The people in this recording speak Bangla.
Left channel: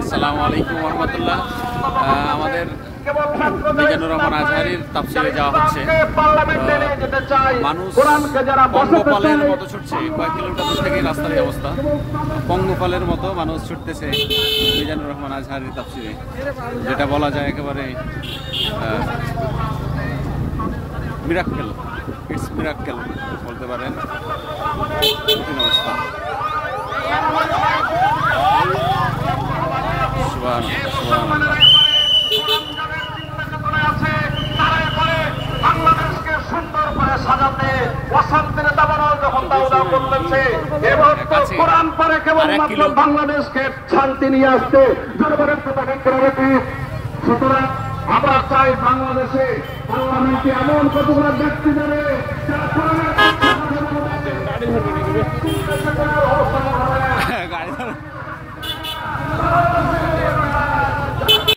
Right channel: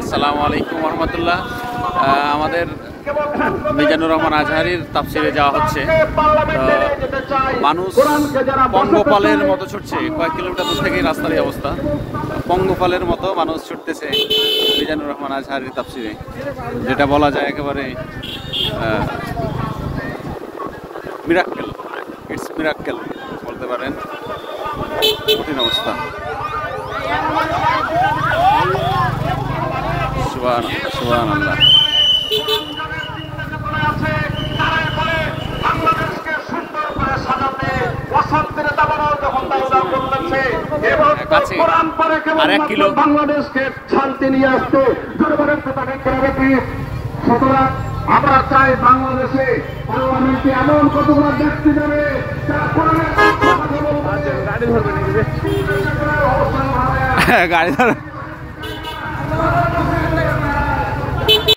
আসসালামু আলাইকুম রহমতুল্লাহ। আমাদের মিজানুর রহমান আজহারির তাফসিরে যাওয়া হচ্ছে। মানুষ পঙ্গপালের মতো ছুটছে, কয়েক কিলোমিটার দূর থেকে রাস্তার এই অবস্থা। পঙ্গপালের মতো মানুষ ছুটতেছে মিজানুর রহমান আজহারির তাফসিরে, যেটা বলা যায় একেবারে মিরাক্কেল। ইটস মিরাক্কেল বলতে পারেন। কঠিন অবস্থা। সুবহানাল্লাহ, সুবহানাল্লাহ। বাংলাদেশকে শান্তি নিয়ে আসতে সুতরাং আমরা চাই বাংলাদেশে এমন কতগুলো ব্যক্তি যাবে গাড়ি ধর